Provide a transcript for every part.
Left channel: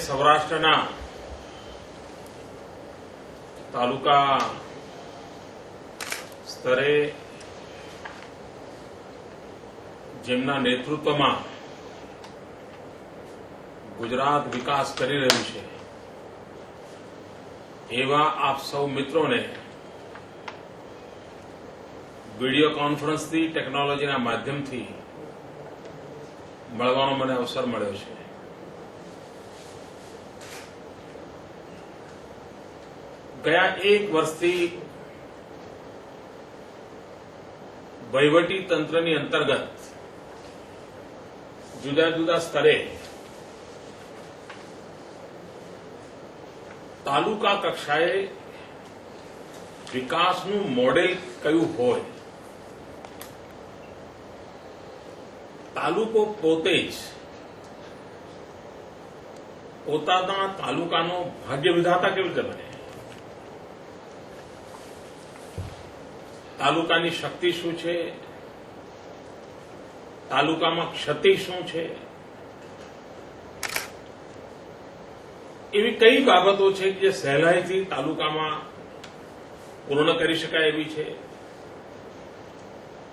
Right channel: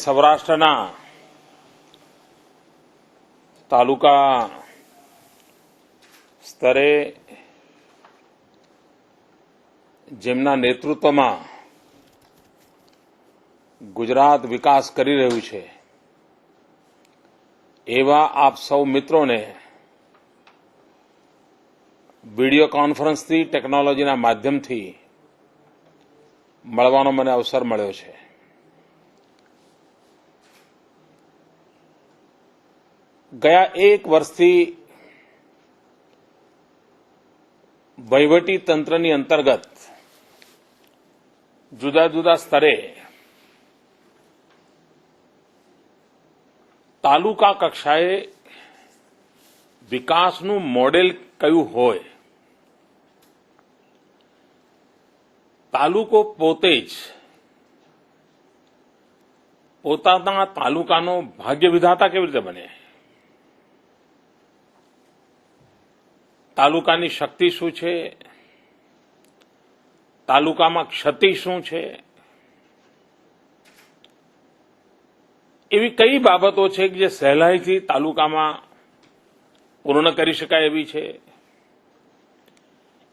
સૌરાષ્ટ્રના તાલુકા સ્તરે જેમના નેતૃત્વમાં ગુજરાત વિકાસ કરી રહ્યું છે એવા આપ સૌ મિત્રોને વિડિયો કોન્ફરન્સથી ટેકનોલોજીના માધ્યમથી મળવાનો મને અવસર મળ્યો છે। ગયા એક વર્ષથી વહીવટી તંત્રની અંતર્ગત જુદા જુદા સ્તરે તાલુકા કક્ષાએ વિકાસનું મોડેલ કયું હોય, તાલુકો પોતે જ પોતાના તાલુકાનો ભાગ્ય વિધાતા કેવી રીતે બને, તાલુકાની શક્તિ શું છે, તાલુકામાં ક્ષતિ શું છે, એવી કઈ બાબતો છે કે જે સહેલાઈથી તાલુકામાં પૂર્ણ કરી શકાય એવી છે,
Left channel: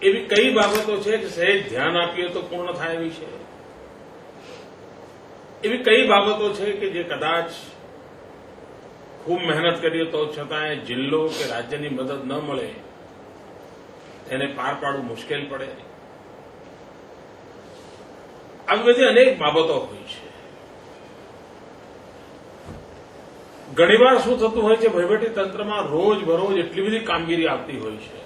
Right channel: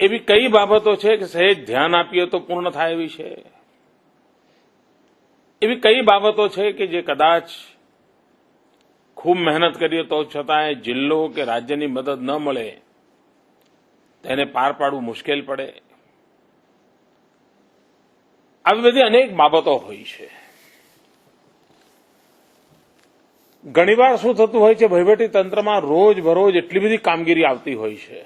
એવી કઈ બાબતો છે કે સહેજ ધ્યાન આપીએ તો પૂર્ણ થાય એવી છે, એવી કઈ બાબતો છે કે જે કદાચ ખૂબ મહેનત કરીએ તો છતાંય જિલ્લો કે રાજ્યની મદદ ન મળે એને પાર પાડવું મુશ્કેલ પડે, આવી બધી અનેક બાબતો હોય છે। ઘણીવાર શું થતું હોય છે, વહીવટી તંત્રમાં રોજ બરોજ એટલી બધી કામગીરી આવતી હોય છે,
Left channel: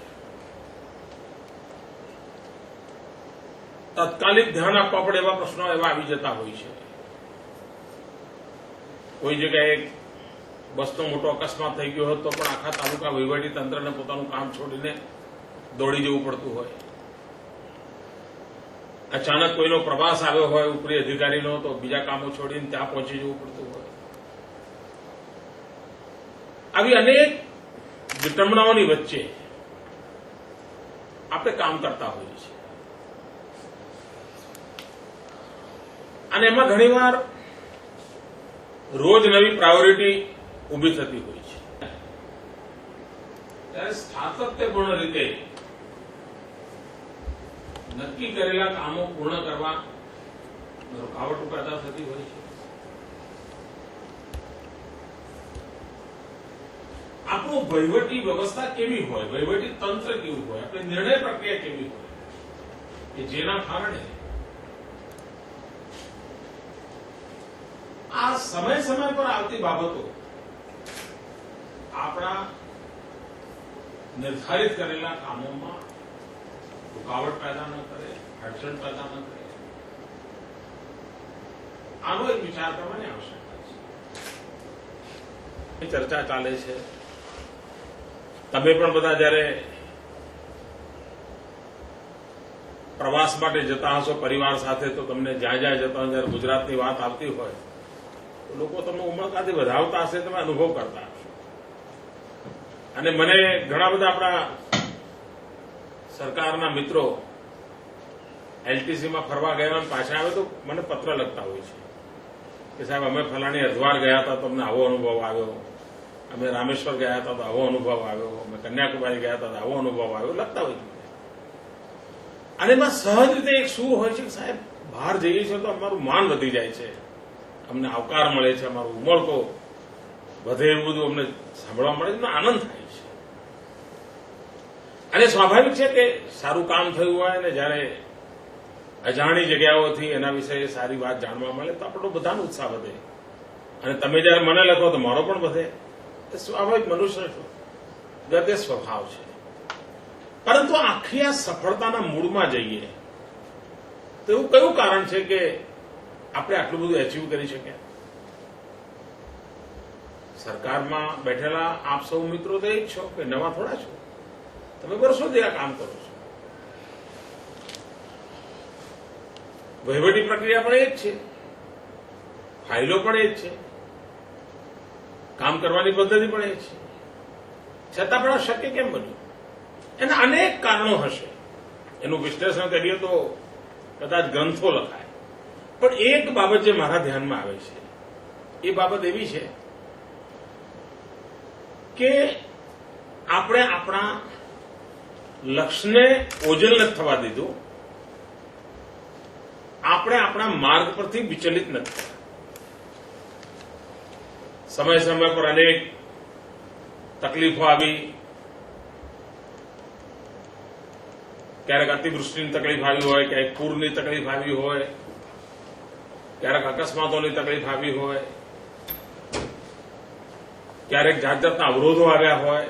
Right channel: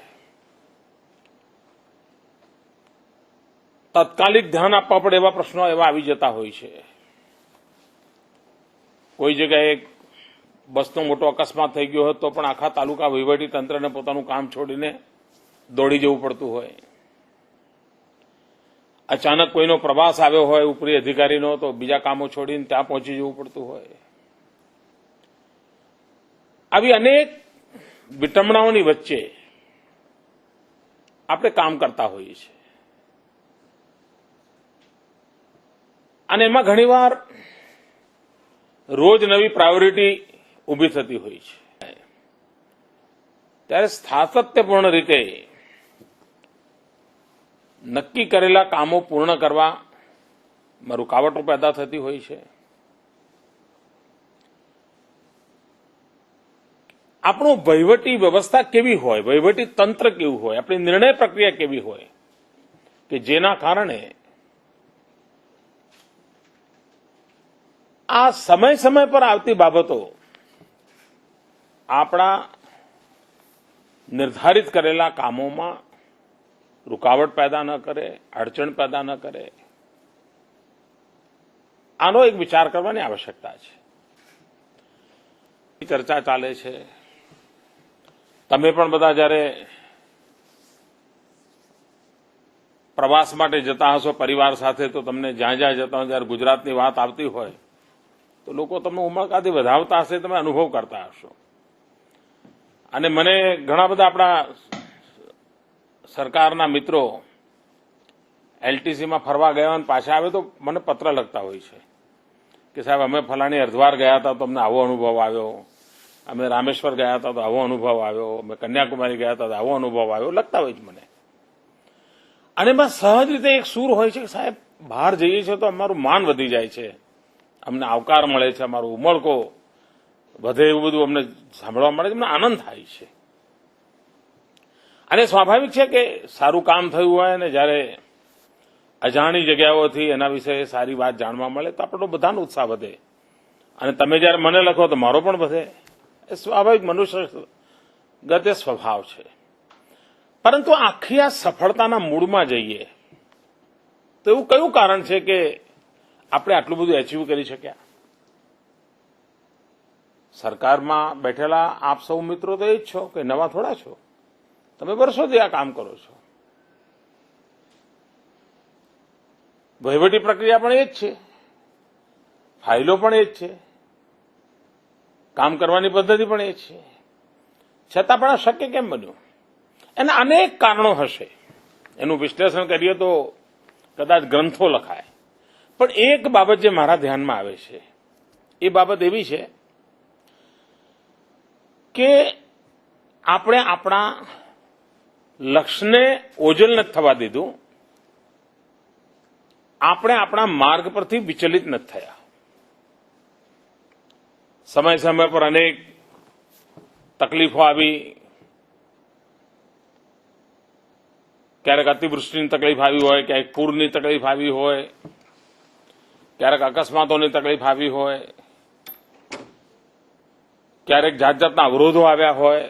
તાત્કાલિક ધ્યાન આપવા પડે એવા પ્રશ્નો એવા આવી જતા હોય છે। કોઈ જગ્યાએ બસનો મોટો અકસ્માત થઈ ગયો હોય તો પણ આખા તાલુકા વહીવટી તંત્રને પોતાનું કામ છોડીને દોડી જવું પડતું હોય, અચાનક કોઈનો પ્રવાસ આવ્યો હોય ઉપરી અધિકારીનો તો બીજા કામો છોડીને ત્યાં પહોંચી જવું પડતું હોય, આવી અનેક વિટંબણાઓની વચ્ચે આપણે કામ કરતા હોઈએ છીએ અને એમાં ઘણીવાર રોજ નવી પ્રાયોરિટી ઊભી થતી હોય છે, ત્યારે સાતત્યપૂર્ણ રીતે નક્કી કરેલા કામો પૂર્ણ કરવા રૂકાવટો પેદા થતી હોય છે। આપણું વહીવટી વ્યવસ્થા કેવી હોય, વહીવટી તંત્ર કેવું હોય, આપણી નિર્ણય પ્રક્રિયા કેવી હોય કે જેના કારણે આ સમય સમય પર આવતી બાબતો આપણા નિર્ધારિત કરેલા કામોમાં રૂકાવટ પેદા ન કરે, અડચણ પેદા ન કરે, આનો એક વિચાર કરવાની આવશ્યકતા છે। ચર્ચા ચાલે છે, તમે પણ બધા જ્યારે પ્રવાસ માટે જતા હશો પરિવાર સાથે તો તમને જ્યાં જ્યાં જતા હો જ્યારે ગુજરાતની વાત આવતી હોય તો લોકો તમને ઉમળકાથી વધાવતા હશે, તમે અનુભવ કરતા હશો। અને મને ઘણા બધા આપણા સરકારના મિત્રો એલટીસીમાં ફરવા ગયા અને પાછા આવે તો મને પત્ર લખતા હોય છે કે સાહેબ અમે ફલાણી હરિદ્વાર ગયા હતા તો અમને આવો અનુભવ આવ્યો, અમે રામેશ્વર ગયા હતા તો આવો અનુભવ આવ્યો, અમે કન્યાકુમારી ગયા હતા તો આવો અનુભવ આવ્યો, લખતા હોય છે મને। અને એમાં સહજ રીતે એક સૂર હોય છે કે સાહેબ બહાર જઈએ છીએ તો અમારું માન વધી જાય છે, અમને આવકાર મળે છે, અમારો ઉમળકો વધે એવું બધું અમને સાંભળવા મળે છે, અમને આનંદ થાય છે। અને સ્વાભાવિક છે કે સારું કામ થયું હોય અને જ્યારે અજાણી જગ્યાઓથી એના વિશે સારી વાત જાણવા મળે તો આપણો બધાનો ઉત્સાહ વધે અને તમે જ્યારે મને લખો તો મારો પણ વધે, એ સ્વાભાવિક મનુષ્ય ગતે સ્વભાવ છે। પરંતુ આખી આ સફળતાના મૂળમાં જઈએ તો એવું કયું કારણ છે કે આપણે આટલું બધું એચીવ કરી શક્યા? સરકારમાં બેઠેલા આપ સૌ મિત્રો તો એ જ છો કે નવા થોડા છો, તમે વર્ષોથી આ કામ કરો છો, વહીવટી પ્રક્રિયા પણ એ જ છે, ફાઇલો પણ એ જ છે, કામ કરવાની પદ્ધતિ પણ એ જ છે, છતાં પણ આ શક્ય કેમ બન્યું? એના અનેક કારણો હશે, એનું વિશ્લેષણ કરીએ તો કદાચ ગ્રંથો લખાય, પણ એક બાબત જે મારા ધ્યાનમાં આવે છે એ બાબત એવી છે કે આપણે આપણા લક્ષ્યને ઓझल નથી થવા દીધું, આપણે આપણા માર્ગ પરથી વિચલિત નથી થયા. સમય સમય પર અનેક તકલીફો આવી, ક્યારેક અતિવૃષ્ટિની તકલીફ આવી હોય, ક્યારેક પૂરની તકલીફ આવી હોય, ક્યારેક અકસ્માતોની તકલીફ આવી હોય, ક્યારેક જાત જાતના અવરોધો આવ્યા હોય,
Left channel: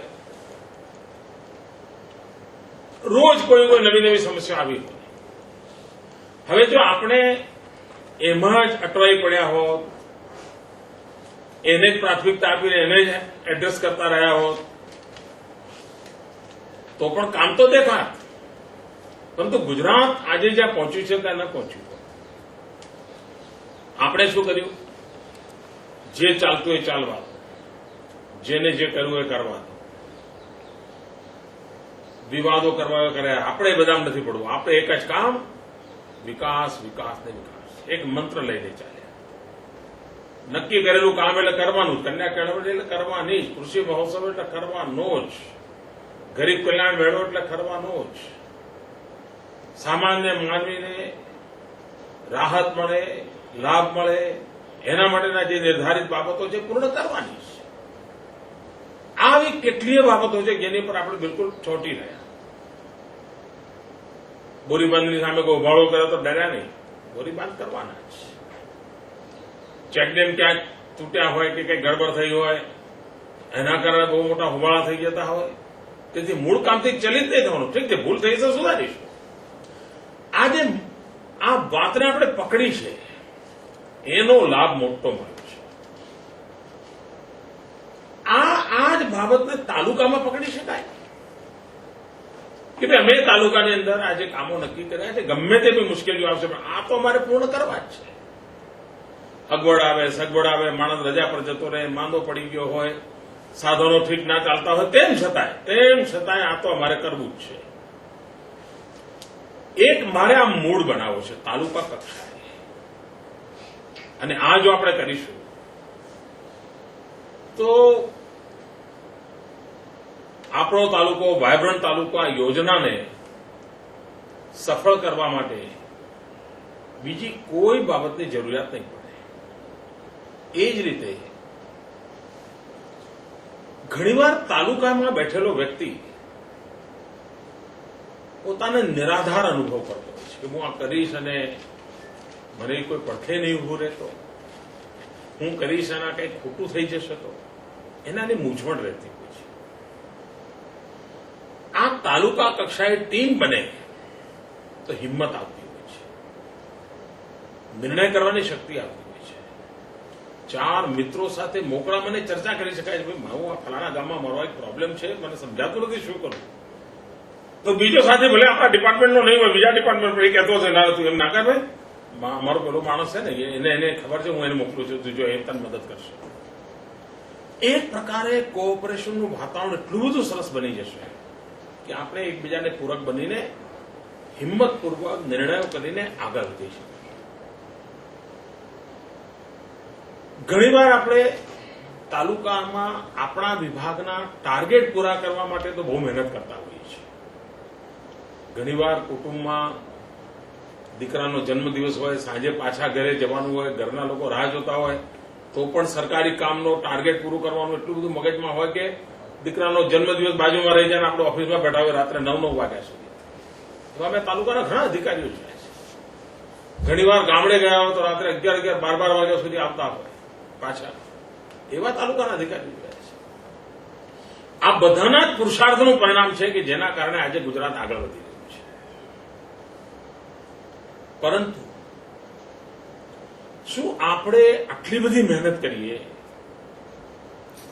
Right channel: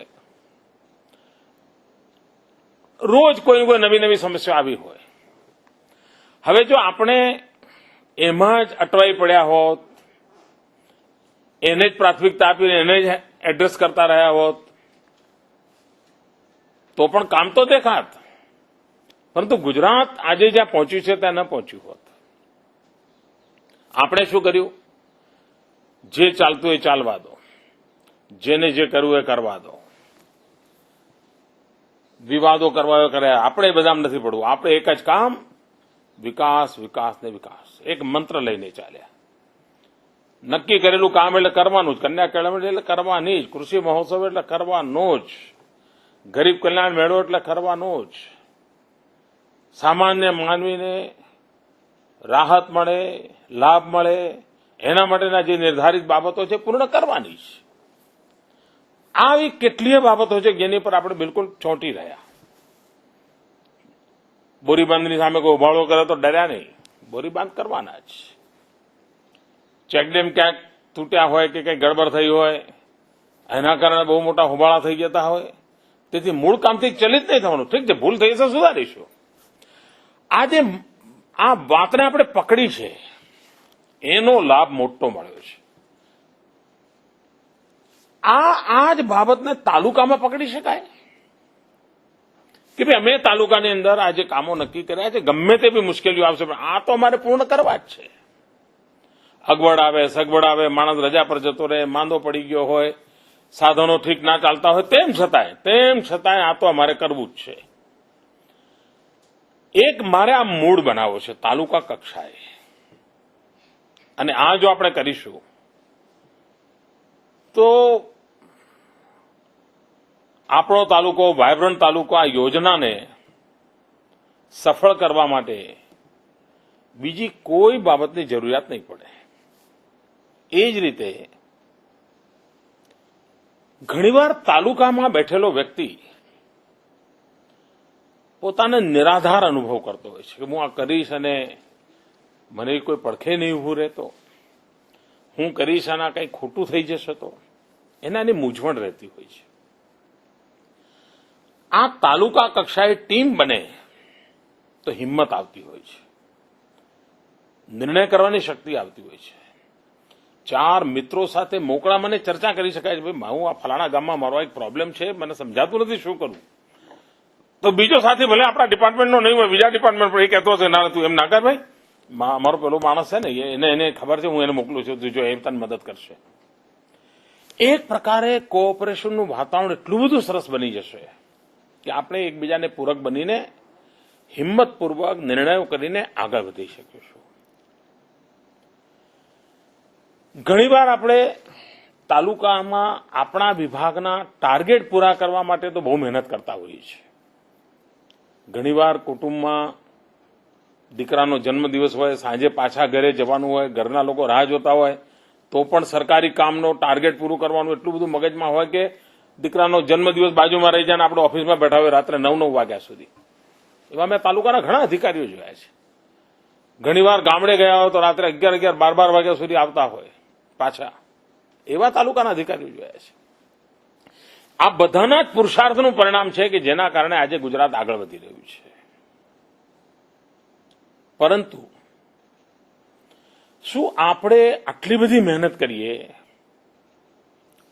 રોજ કોઈ નવી નવી સમસ્યા આવી હોય. હવે જો આપણે એમાં જ અટવાઈ પડ્યા હોત, એને જ પ્રાથમિકતા આપીને એને જ એડ્રેસ કરતા રહ્યા હોત તો પણ કામ તો દેખાત, પરંતુ ગુજરાત આજે જ્યાં પહોંચ્યું છે ત્યાં ન પહોંચ્યું હોત. આપણે શું કર્યું? જે ચાલતું એ ચાલવા દો, જેને જે કરવું એ કરવા દો, વિવાદો કરવા કર્યા, આપણે બધામાં નથી પડવું. આપણે એક જ કામ, વિકાસ, વિકાસ ને વિકાસ, એક મંત્ર લઈને ચાલ્યા. નક્કી કરેલું કામ એટલે કરવાનું જ, કન્યા કેળવણી એટલે કરવાની જ, કૃષિ મહોત્સવ એટલે કરવાનો જ, ગરીબ કલ્યાણ મેળો એટલે કરવાનો જ, સામાન્ય માનવીને રાહત મળે, લાભ મળે, એના માટેના જે નિર્ધારિત બાબતો છે પૂર્ણ કરવાની છે. આવી કેટલીય બાબતો છે જેની પર આપણે બિલકુલ ચોંટી રહ્યા. બોરીબાંધની સામે કોઈ ઉભાળો કરે તો ડર્યા નહીં, બોરીબાંધ કરવાના જ. ચેકડેમ ક્યાંક તૂટ્યા હોય કે કંઈક ગડબડ થઈ હોય, એના કારણે બહુ મોટા હોબાળા થઈ જતા હોય, તેથી મૂળ કામથી ચલિત નહીં થવાનું. ઠીક છે, ભૂલ થઈ છે, સુધારીશું. આજે આ વાતને આપણે પકડી છે, એનો લાભ મોટો મળ્યો છે. આ જ બાબતને તાલુકામાં પકડી શકાય કે ભાઈ અમે તાલુકાની અંદર આજે કામો નક્કી કર્યા છે, ગમે તેવી મુશ્કેલીઓ આવશે પણ આ તો અમારે પૂર્ણ કરવા જ છે. અગવડ આવે, સગવડ આવે, માણસ રજા પર જતો રહે, માંદો પડી ગયો હોય, સાધનો ઠીક ના ચાલતા હોય, તેમ છતાંય આ તો અમારે કરવું જ છે. એક મારે આ મૂડ બનાવવો છે તાલુકા કક્ષાએ, અને આ જો આપણે કરીશું તો આપણો તાલુકો, વાયબ્રન્ટ તાલુકો, આ યોજનાને સફળ કરવા માટે બીજી કોઈ બાબતની જરૂરિયાત નહીં પડે. એ જ રીતે ઘણીવાર તાલુકામાં બેઠેલો વ્યક્તિ પોતાને નિરાધાર અનુભવ કરતો હોય છે કે હું આ કરીશ અને મને કોઈ પડખે નહીં ઉભું રહેતો, હું કરીશ આના કંઈ ખોટું થઈ જશે તો એનાની મૂંઝવણ રહેતી હોય છે. આ તાલુકા કક્ષાએ ટીમ બને તો હિંમત આવતી હોય છે, નિર્ણય કરવાની શક્તિ આવતી હોય છે. ચાર મિત્રો સાથે મોકળા મને ચર્ચા કરી શકાય છે, ભાઈ હું આ ફલાણા ગામમાં મારો એક પ્રોબ્લેમ છે, મને સમજાતું નથી, શું કરું? તો બીજો સાથે ભલે આપણા ડિપાર્ટમેન્ટનો નહીં હોય, બીજા ડિપાર્ટમેન્ટ પર એ કહેતો હશે, ના તું એમ ના કર ભાઈ, મારો પેલો માણસ છે ને એને ખબર છે, હું એને મોકલું છું, જો એ તને મદદ કરશે. એક પ્રકારે કોઓપરેશનનું વાતાવરણ એટલું બધું સરસ બની જશે કે આપણે એકબીજાને પૂરક બનીને હિંમતપૂર્વક નિર્ણયો કરીને આગળ વધી શકીએ. ઘણીવાર આપણે તાલુકામાં આપણા વિભાગના ટાર્ગેટ પૂરા કરવા માટે તો બહુ મહેનત કરતા હોઈએ છીએ. ઘણીવાર કુટુંબમાં દીકરાનો જન્મદિવસ હોય, સાંજે પાછા ઘરે જવાનું હોય, ઘરના લોકો રાહ જોતા હોય, તો પણ સરકારી કામનો ટાર્ગેટ પૂરું કરવાનું એટલું બધું મગજમાં હોય કે દીકરાનો જન્મદિવસ બાજુમાં રહી જાય ને આપણે ઓફિસમાં બેઠા હોય રાત્રે 9 વાગ્યા સુધી. એવા મેં તાલુકાના ઘણા અધિકારીઓ જોયા છે. ઘણીવાર ગામડે ગયા હોય તો રાત્રે 11, 12 વાગ્યા સુધી આવતા હોય પાછા. એવા તાલુકાના અધિકારીઓ જોયા છે. આ બધાના જ પુરુષાર્થનું પરિણામ છે કે જેના કારણે આજે ગુજરાત આગળ વધી રહ્યું છે. પરંતુ શું આપણે આટલી બધી મહેનત કરીએ,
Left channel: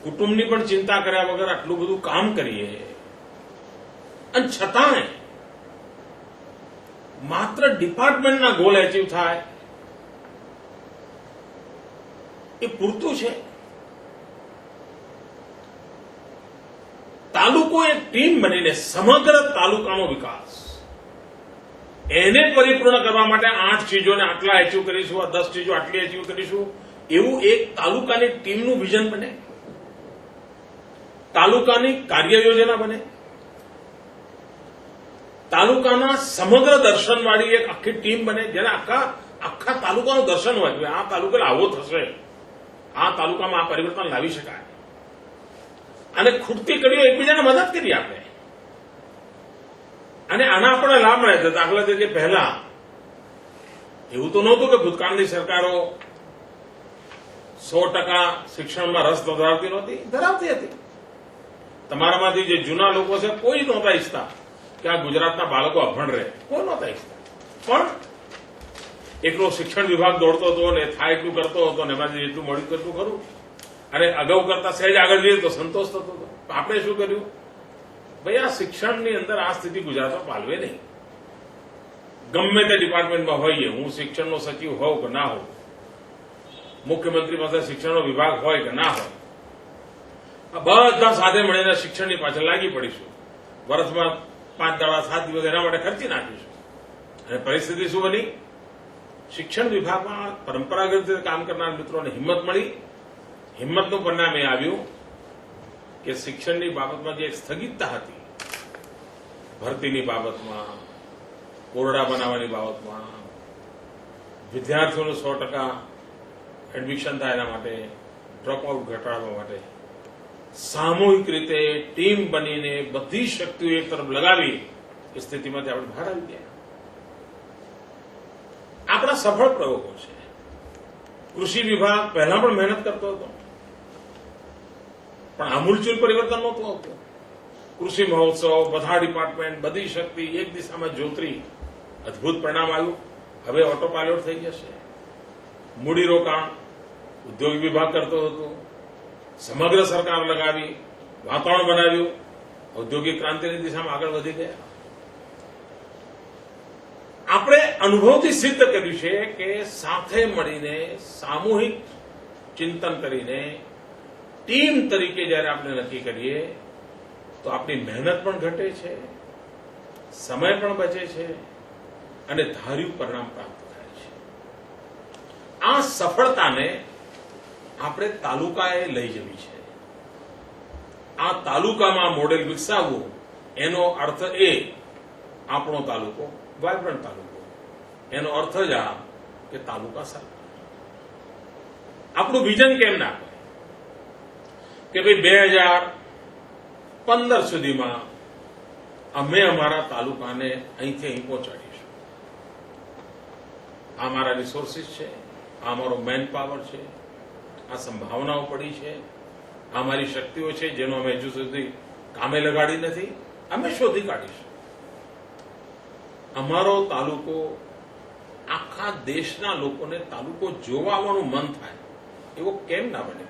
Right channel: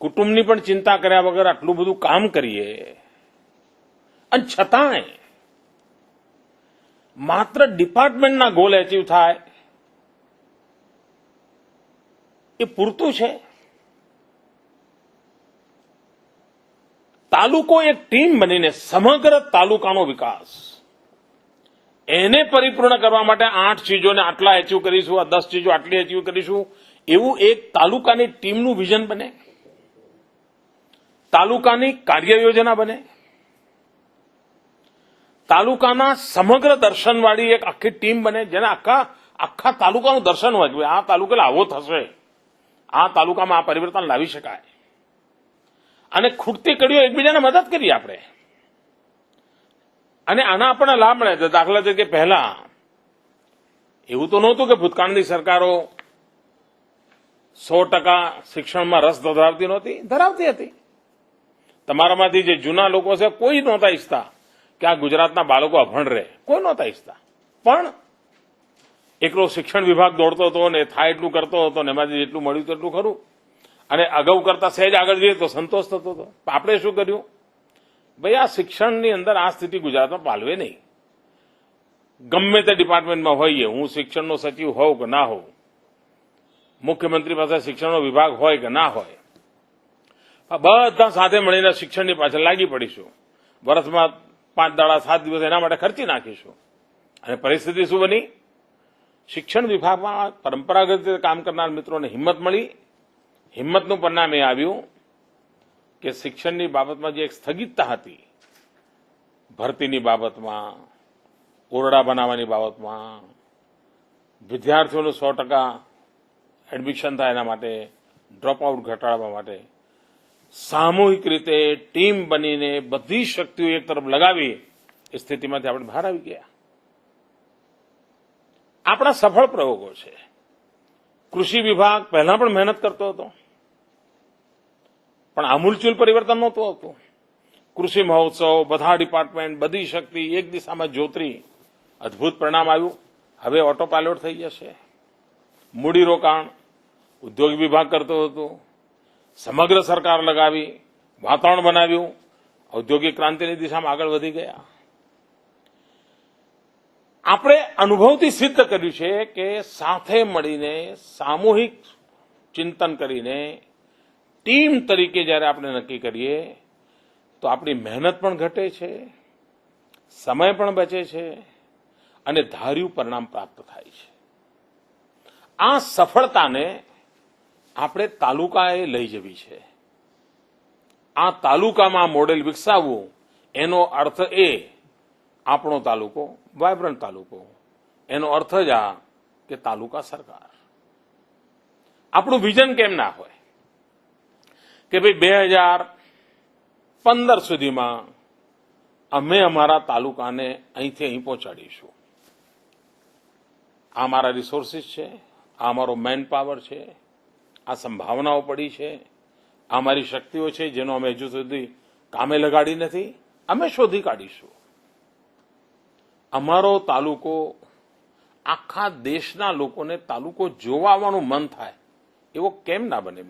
કુટુંબની પણ ચિંતા કર્યા વગર આટલું બધું કામ કરીએ, અને છતાંય માત્ર ડિપાર્ટમેન્ટના ગોલ એચીવ થાય એ પૂરતું છે? તાલુકો એક ટીમ બનીને સમગ્ર તાલુકાનો વિકાસ એને પરિપૂર્ણ કરવા માટે 8 ચીજોને આટલા એચીવ કરીશું, આ 10 ચીજો આટલી એચીવ કરીશું, એવું એક તાલુકાની ટીમનું વિઝન બને, તાલુકાની કાર્ય યોજના બને, તાલુકાના સમગ્ર દર્શનવાળી એક આખી ટીમ બને, જેને આખા તાલુકાનું દર્શન હોય કે આ તાલુકા આવો થશે, આ તાલુકામાં આ પરિવર્તન લાવી શકાય, અને ખૂટતી કડીઓ એકબીજાને મદદ કરીએ આપણે, અને આના આપણને લાભ મળે છે. દાખલા તરીકે પહેલા એવું તો નહોતું કે ભૂતકાળની સરકારો 100% શિક્ષણમાં રસ ધરાવતી નહોતી, ધરાવતી હતી. તમારામાંથી જે જૂના લોકો છે કોઈ નહોતા ઈચ્છતા કે આ ગુજરાતના બાળકો અભણ રહે, કોઈ નહોતા ઈચ્છતા. પણ એકલો શિક્ષણ વિભાગ દોડતો હતો ને થાય એટલું કરતો હતો ને એમાંથી જેટલું મળ્યું તેટલું ખરું, અને અગાઉ કરતા સહેજ આગળ જઈએ તો સંતોષ થતો હતો. આપણે શું કર્યું? ભાઈ આ શિક્ષણની અંદર આ સ્થિતિ ગુજરાતમાં પાલવે નહીં. ગમે તે ડિપાર્ટમેન્ટમાં હોઈએ, હું શિક્ષણનો સચિવ હોઉં કે ના હોઉં, મુખ્યમંત્રી પાસે શિક્ષણનો વિભાગ હોય કે ના હોય, બધા સાથે મળીને શિક્ષણની પાછળ લાગી પડીશું. વર્ષમાં 5 દાડા 7 દિવસ એના માટે ખર્ચી નાખીશું. અને પરિસ્થિતિ શું બની? શિક્ષણ વિભાગમાં પરંપરાગત રીતે કામ કરનાર મિત્રોને હિંમત મળી. હિંમતનું પરિણામ એ આવ્યું કે શિક્ષણની બાબતમાં જે એક સ્થગિતતા હતી, ભરતીની બાબતમાં, ઓરડા બનાવવાની બાબતમાં, વિદ્યાર્થીઓનું 100% એડમિશન થાય એના માટે, ડ્રોપઆઉટ ઘટાડવા માટે સામૂહિક રીતે ટીમ બનીને બધી શક્તિઓ એક તરફ લગાવી એ સ્થિતિમાંથી આપણે બહાર આવી ગયા. આપણા સફળ પ્રયોગો છે. કૃષિ વિભાગ પહેલા પણ મહેનત કરતો હતો, પણ આમૂલચૂલ પરિવર્તન નહોતું આવતું. કૃષિ મહોત્સવ, બધા ડિપાર્ટમેન્ટ, બધી શક્તિ એક દિશામાં જોતરી, અદભુત પરિણામ આવ્યું. હવે ઓટો પાયલોટ થઈ જશે. મૂડીરોકાણ ઉદ્યોગ વિભાગ કરતો હતો, સમગ્ર સરકાર લગાવી, વાતાવરણ બનાવ્યું, ઔદ્યોગિક ક્રાંતિની દિશામાં આગળ વધી ગયા. આપણે અનુભવથી સિદ્ધ કર્યું છે કે સાથે મળીને સામૂહિક ચિંતન કરીને ટીમ તરીકે જ્યારે આપણે નક્કી કરીએ તો આપણી મહેનત પણ ઘટે છે, સમય પણ બચે છે, અને ધાર્યું પરિણામ પ્રાપ્ત થાય છે. આ સફળતાને આપણે તાલુકાએ લઈ જવી છે. આ તાલુકામાં મોડેલ વિકસાવવું, એનો અર્થ એ આપણો તાલુકો વાયબ્રન્ટ તાલુકો, એનો અર્થ જ આ કે તાલુકા સરકાર. આપણું વિઝન કેમ ના હોય કે ભાઈ 2015 સુધીમાં અમે અમારા તાલુકાને અહીંથી અહીં પહોંચાડીશું. આ મારા રિસોર્સિસ છે, આ અમારો મેન પાવર છે, આ સંભાવનાઓ પડી છે, આ મારી શક્તિઓ છે જેનો અમે હજુ સુધી કામે લગાડી નથી, અમે શોધી કાઢીશું. અમારો તાલુકો આખા દેશના લોકોને તાલુકો જોવા આવવાનું મન થાય એવો કેમ ના બને?